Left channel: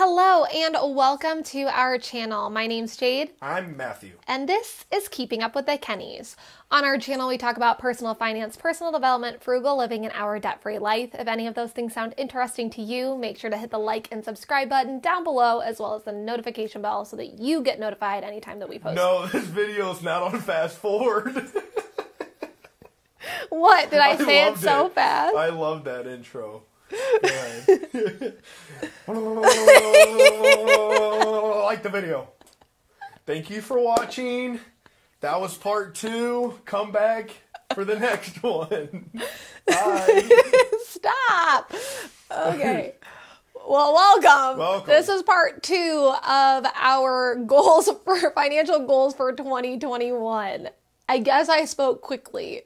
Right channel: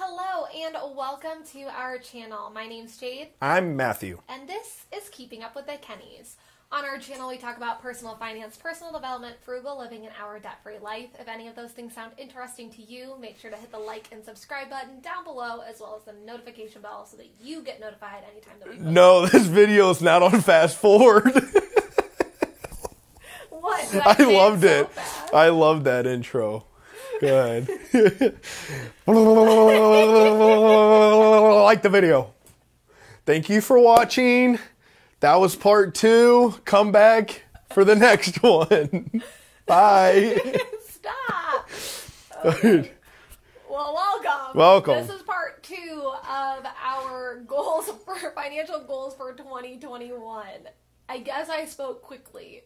Hello and welcome to our channel. My name's Jade. I'm Matthew. And this is Keeping Up with the Kennys. On our channel, we talk about personal finance, personal development, frugal living, and our debt-free life. If any of those things sound interesting to you, make sure to hit the like and subscribe button down below, as well as the notification bell so that you get notified anytime that we post. No, this video is not on fast forward. What? Did I say it so fast? I love that intro. Go ahead. Like the video. Thank you for watching. That was part 2. Come back for the next one. Bye. Stop. Okay. Well, welcome. Welcome. This is part 2 of our goals for financial goals for 2021. I guess I spoke quickly.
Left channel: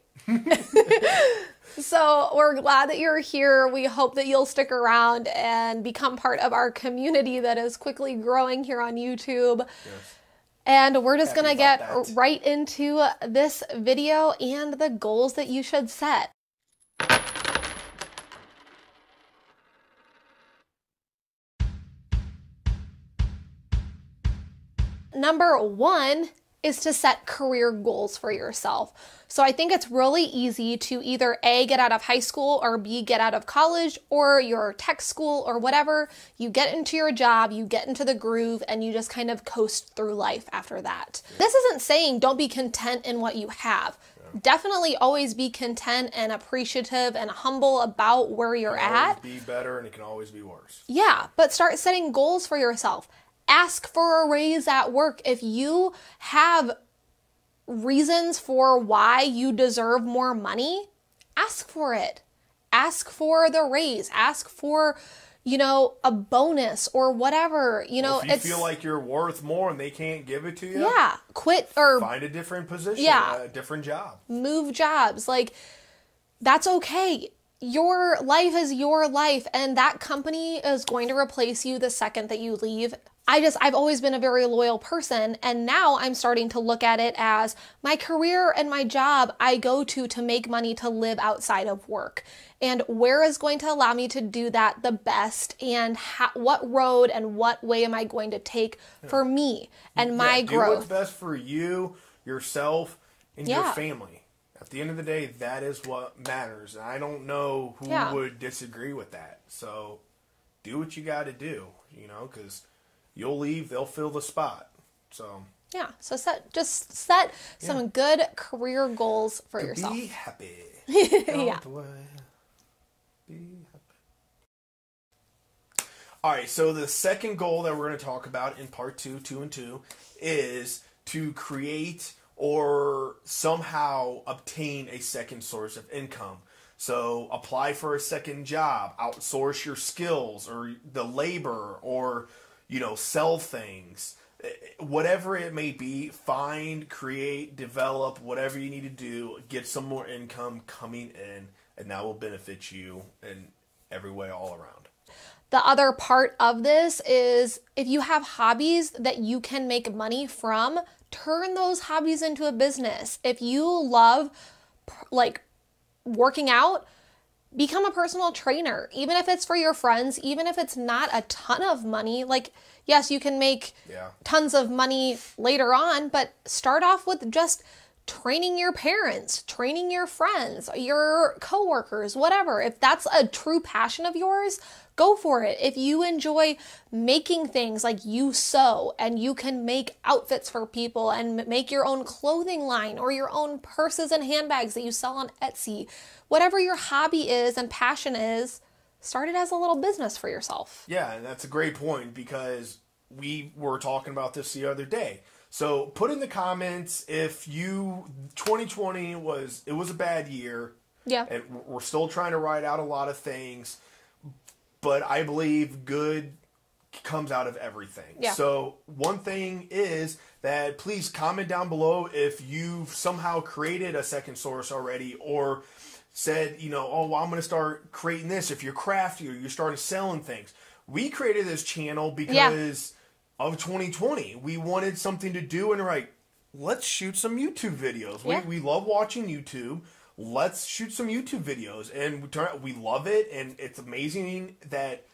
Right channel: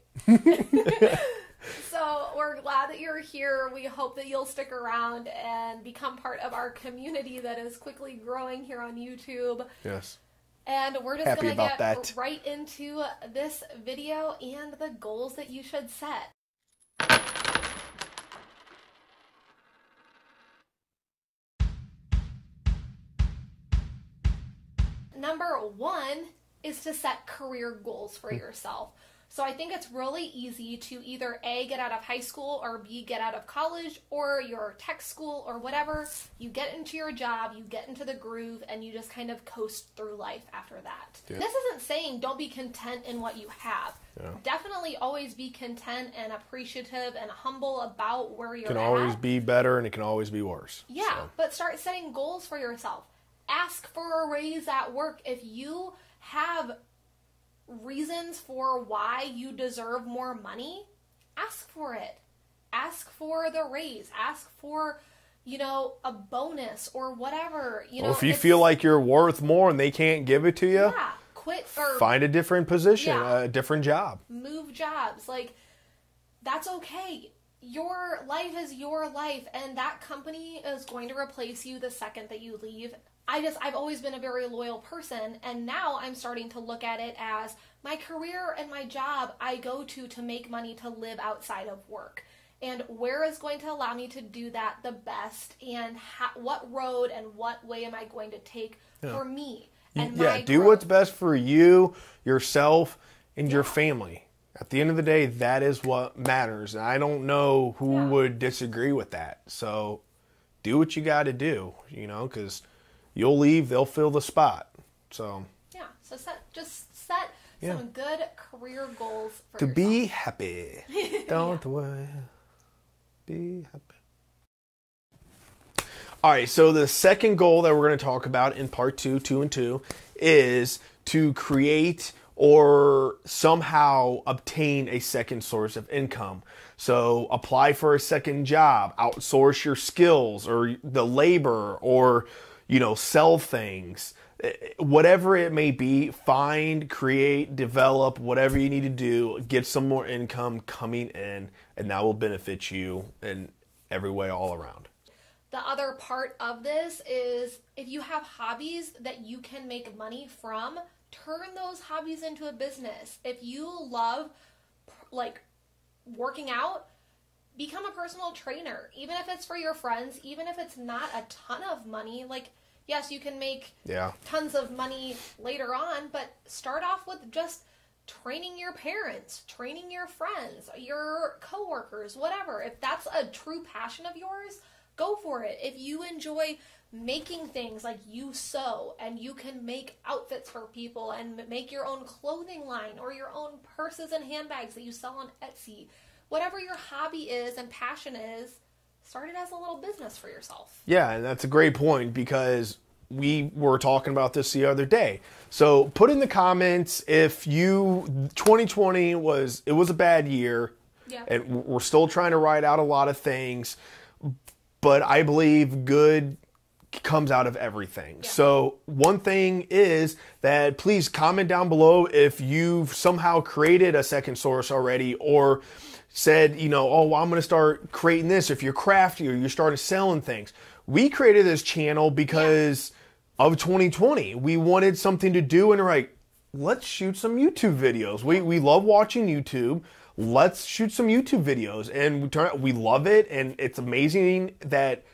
So we're glad that you're here. We hope that you'll stick around and become part of our community that is quickly growing here on YouTube. Yes. And we're just going to get that. right into this video and the goals that you should set. Number 1 is to set career goals for yourself. So I think it's really easy to either A, get out of high school, or B, get out of college or your tech school or whatever. You get into your job, you get into the groove, and you just kind of coast through life after that. Yeah. This isn't saying don't be content in what you have. Yeah. Definitely always be content and appreciative and humble about where you're at. It can always be better and it can always be worse. Yeah, but start setting goals for yourself. Ask for a raise at work. If you have reasons for why you deserve more money, ask for it. Ask for the raise. Ask for, a bonus or whatever. If you feel like you're worth more and they can't give it to you, yeah, quit or find a different position, a different job. Move jobs. That's okay. Your life is your life, and that company is going to replace you the second that you leave. I've always been a very loyal person, and now I'm starting to look at it as my career and my job I go to make money to live outside of work. And where is going to allow me to do that the best, and what road and what way am I going to take for me and my growth? Do what's best for you, yourself, and your family. At the end of the day, that is what matters. I don't know who would disagree with that. So do what you got to do, because you'll leave, they'll fill the spot. So set some good career goals for yourself. To be happy. Don't worry. Be happy. All right, so the second goal that we're going to talk about in part 2 and 2, is to create or somehow obtain a second source of income. So apply for a second job, outsource your skills or the labor, or sell things, whatever it may be. Find, create, develop, whatever you need to do, get some more income coming in, and that will benefit you in every way all around. The other part of this is if you have hobbies that you can make money from, turn those hobbies into a business. If you love working out, become a personal trainer, even if it's for your friends, even if it's not a ton of money. Yes, you can make tons of money later on, but start off with just training your parents, training your friends, your coworkers, whatever. If that's a true passion of yours, go for it. If you enjoy making things, like you sew and you can make outfits for people and make your own clothing line or your own purses and handbags that you sell on Etsy, whatever your hobby is and passion is, start it as a little business for yourself. Yeah, and that's a great point, because we were talking about this the other day. So put in the comments if 2020 was a bad year. Yeah. And we're still trying to write out a lot of things, but I believe good comes out of everything. Yeah. So one thing is that please comment down below if you've somehow created a second source already, or said, I'm going to start creating this. If you're crafty or you started selling things. We created this channel because of 2020. We wanted something to do, and we're like, let's shoot some YouTube videos. We love watching YouTube. Let's shoot some YouTube videos. And we love it, and it's amazing that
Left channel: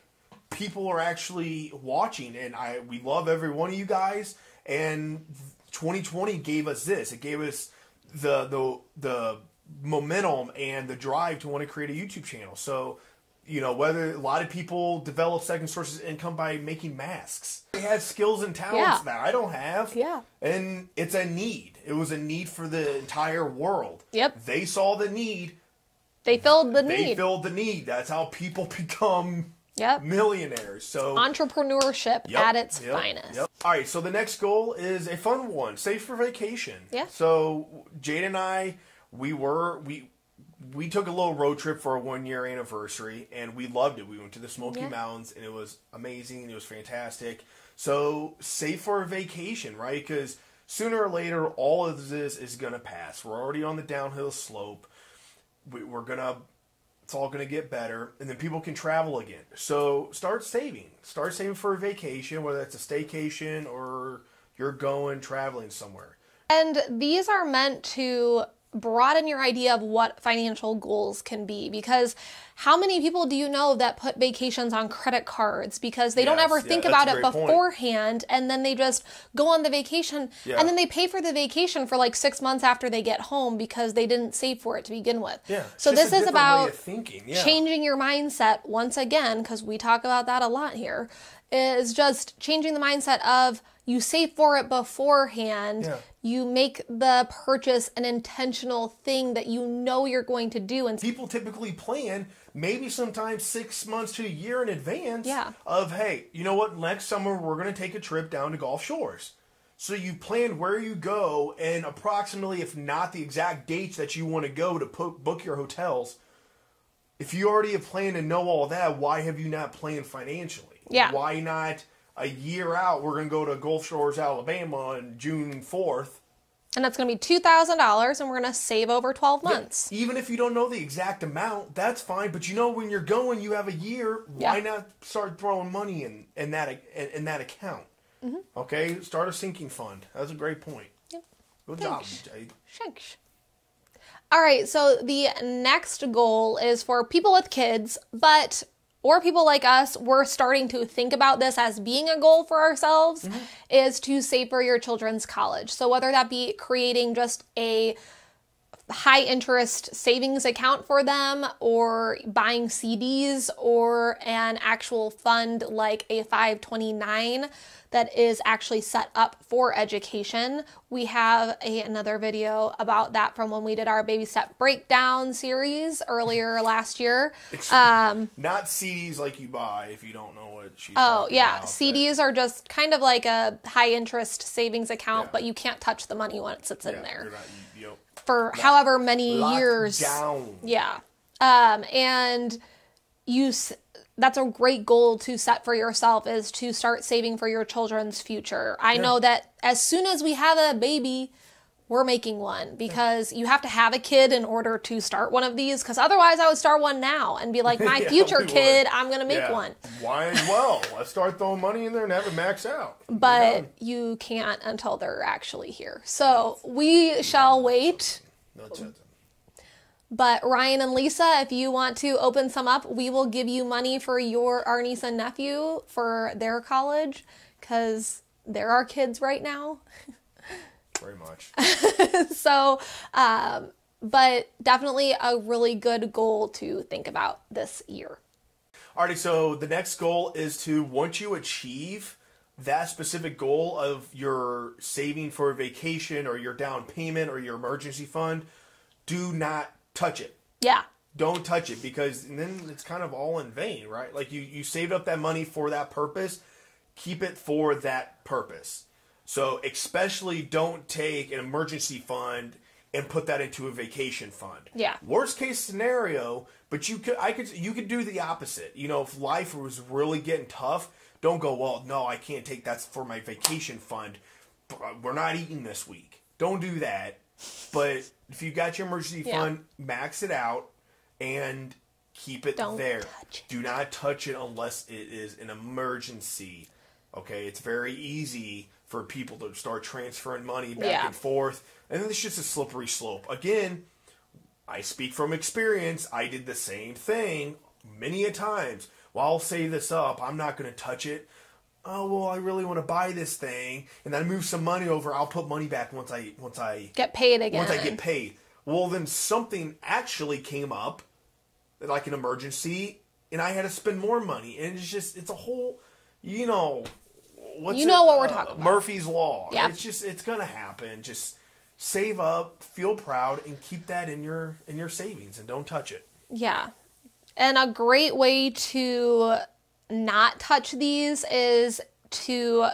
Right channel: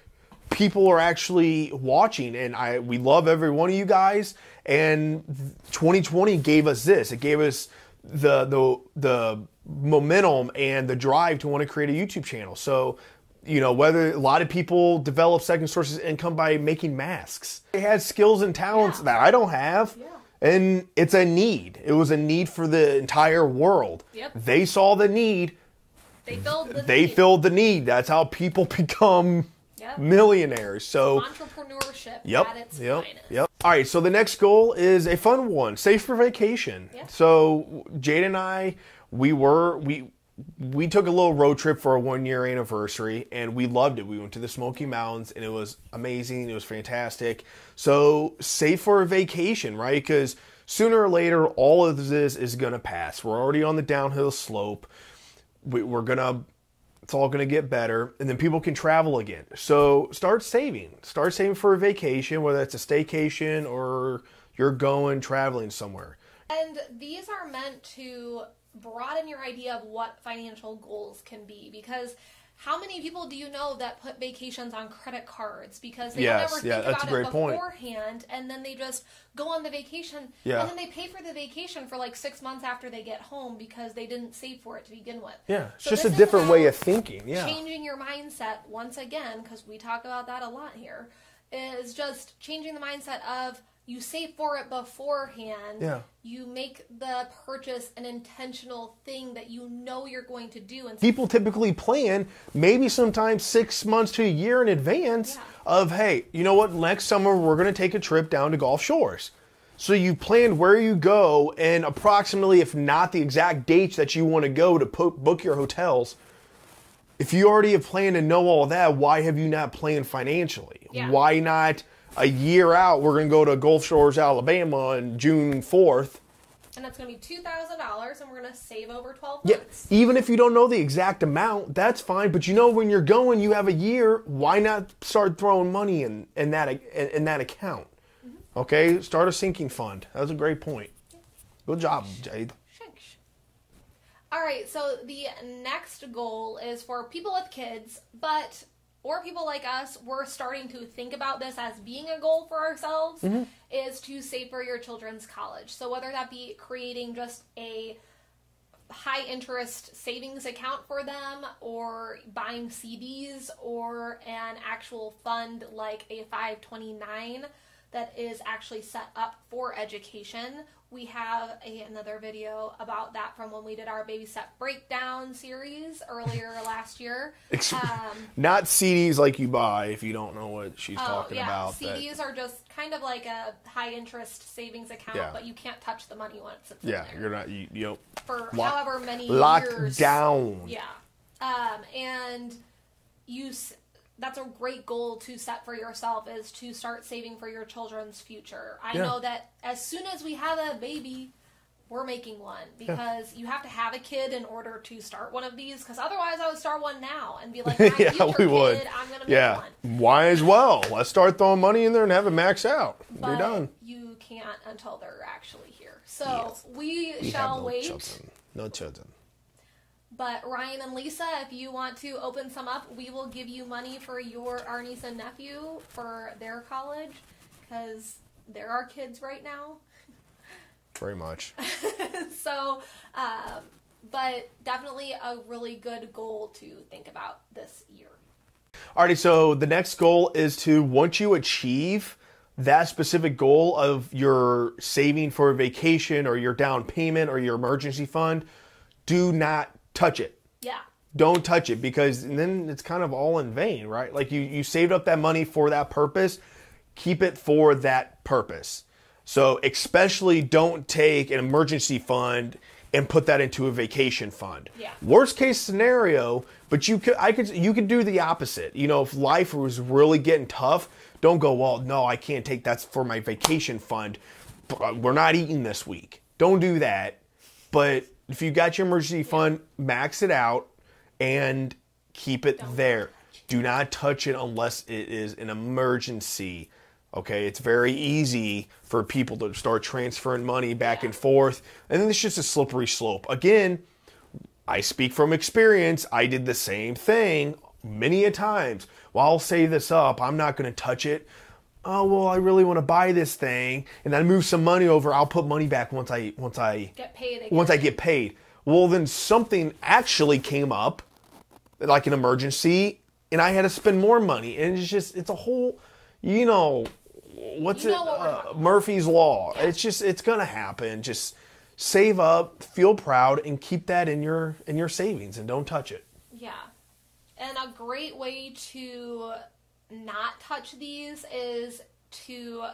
people are actually watching, and we love every one of you guys. And 2020 gave us this. It gave us the momentum and the drive to want to create a YouTube channel. So, you know, whether a lot of people develop second sources of income by making masks. They had skills and talents that I don't have. Yeah. And it's a need. It was a need for the entire world. Yep. They saw the need. They filled the need. They filled the need. That's how people become millionaires. So entrepreneurship at its finest. Yep. All right, so the next goal is a fun one. Save for vacation. Yeah. So Jade and I, we took a little road trip for a 1-year anniversary, and we loved it. We went to the Smoky Mountains, and it was amazing. It was fantastic. So save for a vacation, right? Because sooner or later, all of this is going to pass. We're already on the downhill slope. It's all going to get better, and then people can travel again. So start saving. Start saving for a vacation, whether it's a staycation or you're going traveling somewhere. And these are meant to broaden your idea of what financial goals can be, because how many people do you know that put vacations on credit cards because they don't ever think about it beforehand, and then they just go on the vacation and then they pay for the vacation for like 6 months after they get home because they didn't save for it to begin with. So just this a is different about way of thinking. Changing your mindset once again, because we talk about that a lot here, is just changing the mindset of you save for it beforehand. You make the purchase an intentional thing that you know you're going to do. And people typically plan maybe sometimes 6 months to a year in advance of, hey, you know what, next summer we're going to take a trip down to Gulf Shores. So you planned where you go and approximately, if not the exact dates that you want to go to book your hotels. If you already have planned and know all that, why have you not planned financially? Why not a year out, we're going to go to Gulf Shores, Alabama on June 4th. And that's going to be $2,000, and we're going to save over 12 months. Even if you don't know the exact amount, that's fine. But you know when you're going, you have a year. Why not start throwing money in that account? Okay? Start a sinking fund. That's a great point. Good job, Jade. Thanks. All right, so the next goal is for people with kids, or people like us, we're starting to think about this as being a goal for ourselves, is to save for your children's college. So whether that be creating just a high interest savings account for them, or buying CDs, or an actual fund like a 529 that is actually set up for education. We have another video about that from when we did our baby step breakdown series earlier last year. Not CDs like you buy, if you don't know what she's talking about. CDs are just kind of like a high interest savings account, but you can't touch the money when it sits in there. You're not, for however many years. Down. And that's a great goal to set for yourself, is to start saving for your children's future. I know that as soon as we have a baby, we're making one, because you have to have a kid in order to start one of these, because otherwise I would start one now and be like, my future kid, I'm going to make one. Why as well? Let's start throwing money in there and have it max out. But you can't until they're actually here. So we shall wait. No children. But Ryan and Lisa, if you want to open some up, we will give you money for our niece and nephew for their college, because they're our kids right now. Very much. So, but definitely a really good goal to think about this year. Alrighty, so the next goal is to, once you achieve that specific goal of your saving for a vacation or your down payment or your emergency fund, do not touch it. Don't touch it, because then it's kind of all in vain, right? Like you saved up that money for that purpose. Keep it for that purpose. So especially don't take an emergency fund and put that into a vacation fund. Worst case scenario, but you could do the opposite. You know, if life was really getting tough, don't go, well, no, I can't take that for my vacation fund. We're not eating this week. Don't do that. But if you got your emergency fund, max it out and keep it there. Do not touch it unless it is an emergency. Okay, it's very easy for people to start transferring money back and forth, and then it's just a slippery slope. Again, I speak from experience. I did the same thing many a times. well, I'll save this up. I'm not going to touch it. Oh, well, I really want to buy this thing, and I move some money over. I'll put money back once I get paid again. Once I get paid. Well, then something actually came up, like an emergency, and I had to spend more money. And it's a whole, what we're talking about. Murphy's Law. Yeah. It's going to happen. Just save up, feel proud, and keep that in your savings, and don't touch it. Yeah. And a great way to not touch these is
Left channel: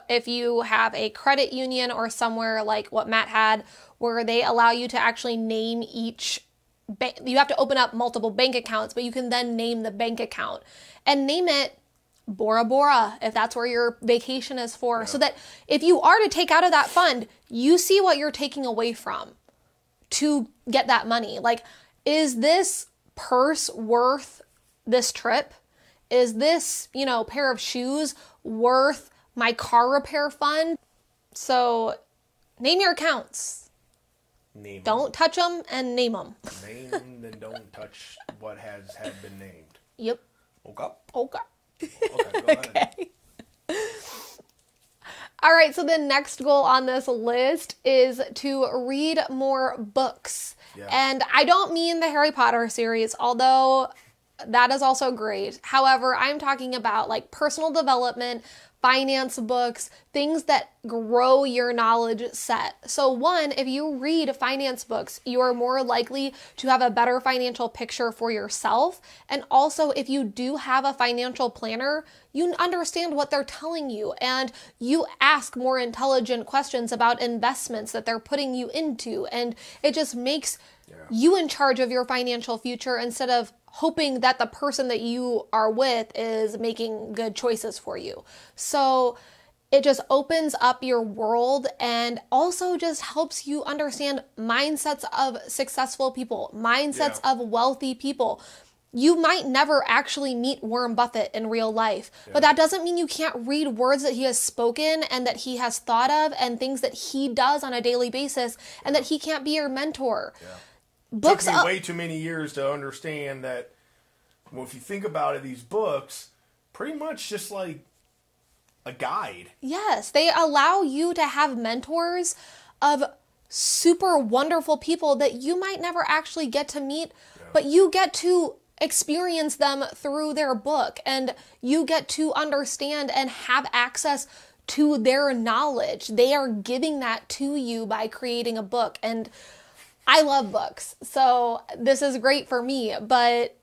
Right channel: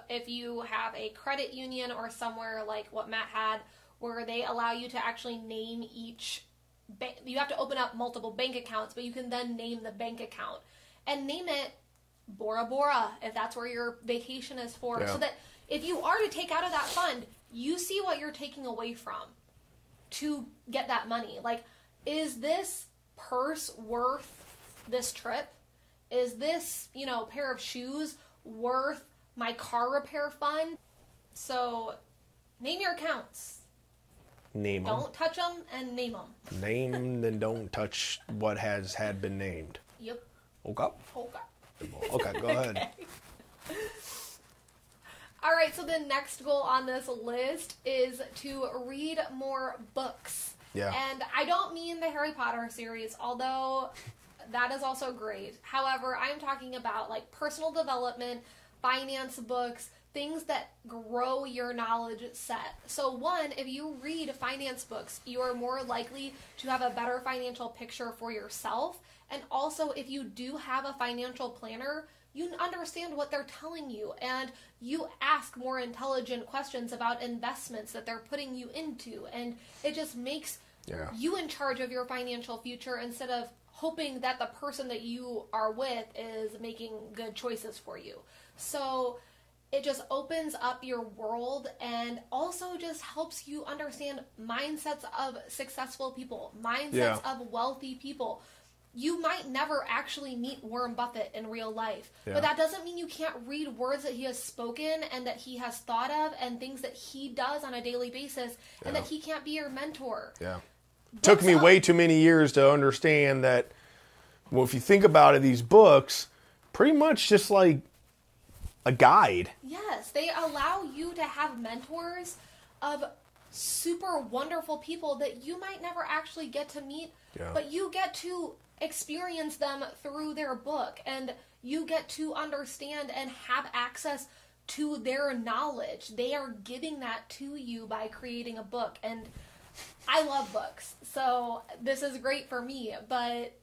if you have a credit union or somewhere like what Matt had, where they allow you to actually name each bank. You have to open up multiple bank accounts, but you can then name the bank account and name it Bora Bora if that's where your vacation is for. Yeah. So that if you are to take out of that fund, you see what you're taking away from to get that money. Like, is this purse worth this trip? Is this, pair of shoes worth my car repair fund? So name your accounts. Name them. Don't touch them and name them. Name them and don't touch what had been named. Yep. Okay. Okay, go ahead. Okay. All right, so the next goal on this list is to read more books. Yeah. And I don't mean the Harry Potter series, although that is also great. However, I'm talking about like personal development, finance books, things that grow your knowledge set. So one, if you read finance books, you are more likely to have a better financial picture for yourself. And also, if you do have a financial planner, you understand what they're telling you and you ask more intelligent questions about investments that they're putting you into. And it just makes you in charge of your financial future instead of hoping that the person that you are with is making good choices for you. So it just opens up your world and also just helps you understand mindsets of successful people, mindsets of wealthy people. You might never actually meet Warren Buffett in real life, but that doesn't mean you can't read words that he has spoken and that he has thought of and things that he does on a daily basis and that he can't be your mentor. Yeah. Took me way too many years to understand that, well, if you think about it, these books, pretty much just like a guide. Yes, they allow you to have mentors of super wonderful people that you might never actually get to meet, but you get to experience them through their book and you get to understand and have access to their knowledge. They are giving that to you by creating a book. And I love books, so this is great for me, but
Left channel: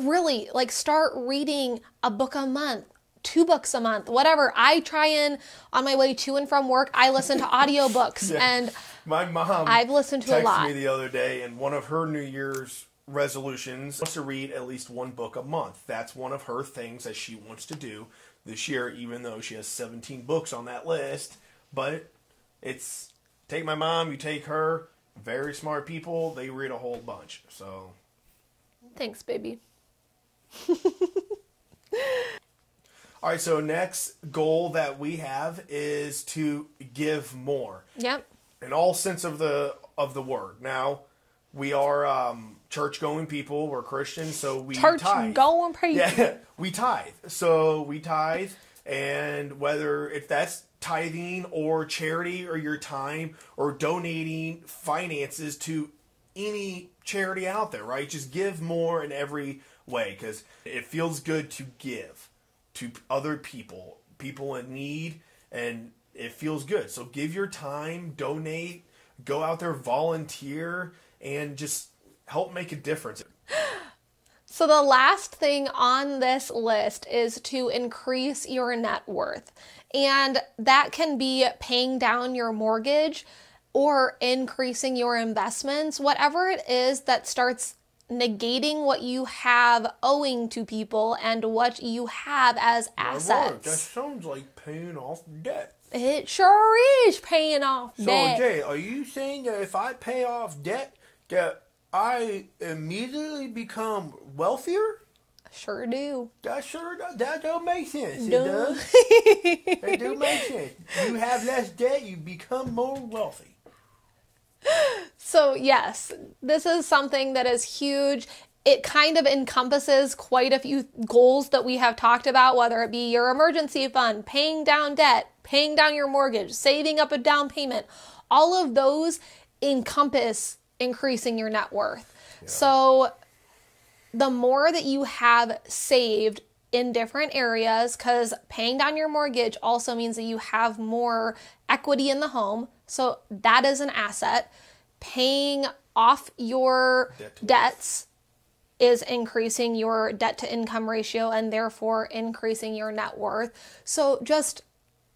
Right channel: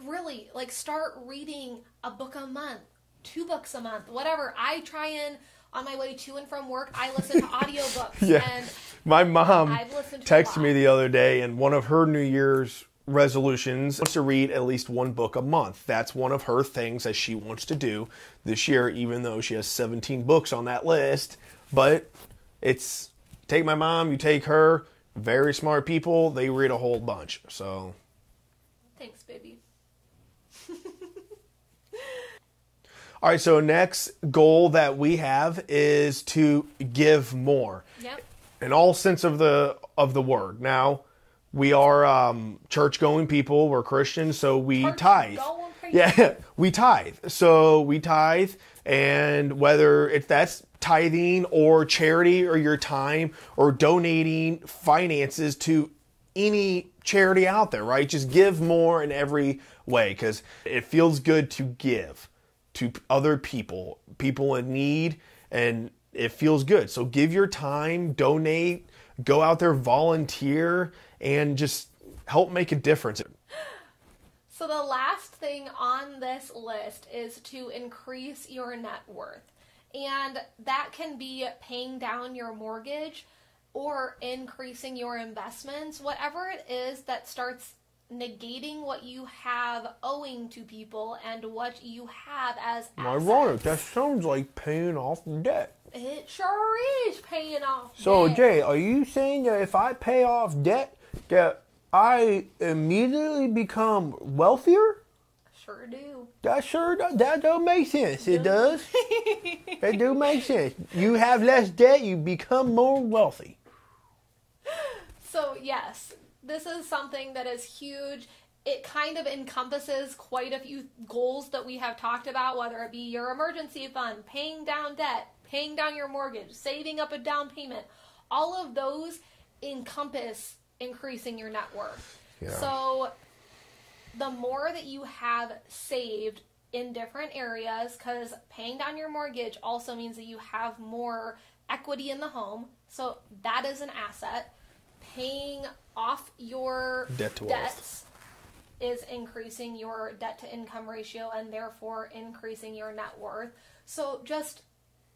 really, like, start reading a book a month, 2 books a month, whatever. I try and, on my way to and from work, I listen to audiobooks, and my mom I've listened to a lot. Texted me the other day, and one of her New Year's resolutions was to read at least 1 book a month. That's one of her things that she wants to do this year, even though she has 17 books on that list. But it's, take my mom, you take her, very smart people, they read a whole bunch. So thanks, baby. All right, so next goal that we have is to give more. Yep. In all sense of the word. Now, we are church-going people. We're Christians, so we tithe. Church-going people. Yeah, we tithe. So we tithe, and whether if that's tithing or charity or your time or donating finances to any charity out there, right? Just give more in every way because it feels good to give to other people in need, and it feels good. So give your time, donate, go out there, volunteer, and just help make a difference. So the last thing on this list is to increase your net worth. And that can be paying down your mortgage or increasing your investments, whatever it is that starts negating what you have owing to people and what you have as assets. My word, that sounds like paying off debt. It sure is paying off debt. So, Jay, are you saying that if I pay off debt, that I immediately become wealthier? Sure do. That does make sense. It does. It do make sense. You have less debt, you become more wealthy. So yes, this is something that is huge. it kind of encompasses quite a few goals that we have talked about, whether it be your emergency fund, paying down debt, paying down your mortgage, saving up a down payment. All of those encompass increasing your net worth. Yeah. So the more that you have saved in different areas, because paying down your mortgage also means that you have more equity in the home. So that is an asset. Paying off your debts is increasing your debt to income ratio and therefore increasing your net worth. So just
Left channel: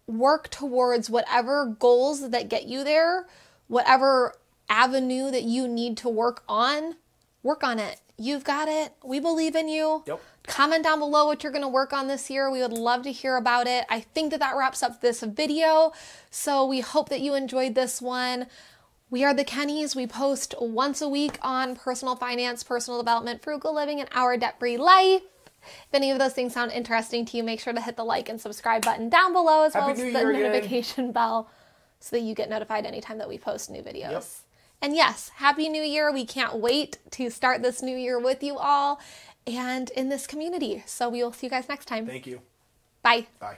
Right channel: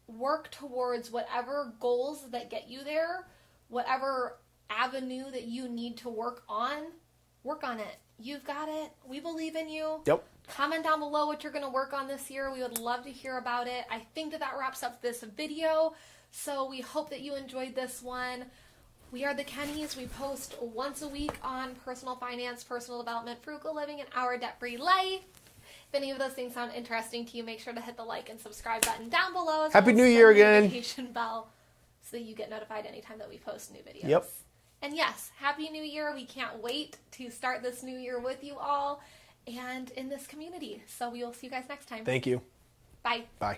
work towards whatever goals that get you there, whatever avenue that you need to work on it. You've got it. We believe in you. Yep. Comment down below what you're going to work on this year. We would love to hear about it. I think that wraps up this video. So we hope that you enjoyed this one. We are the Kennys. We post once a week on personal finance, personal development, frugal living, and our debt-free life. If any of those things sound interesting to you, make sure to hit the like and subscribe button down below, as Happy well New as Year the again. notification bell so that you get notified anytime that we post new videos. Yep. And yes, Happy New Year. We can't wait to start this new year with you all and in this community. So we will see you guys next time. Thank you. Bye. Bye.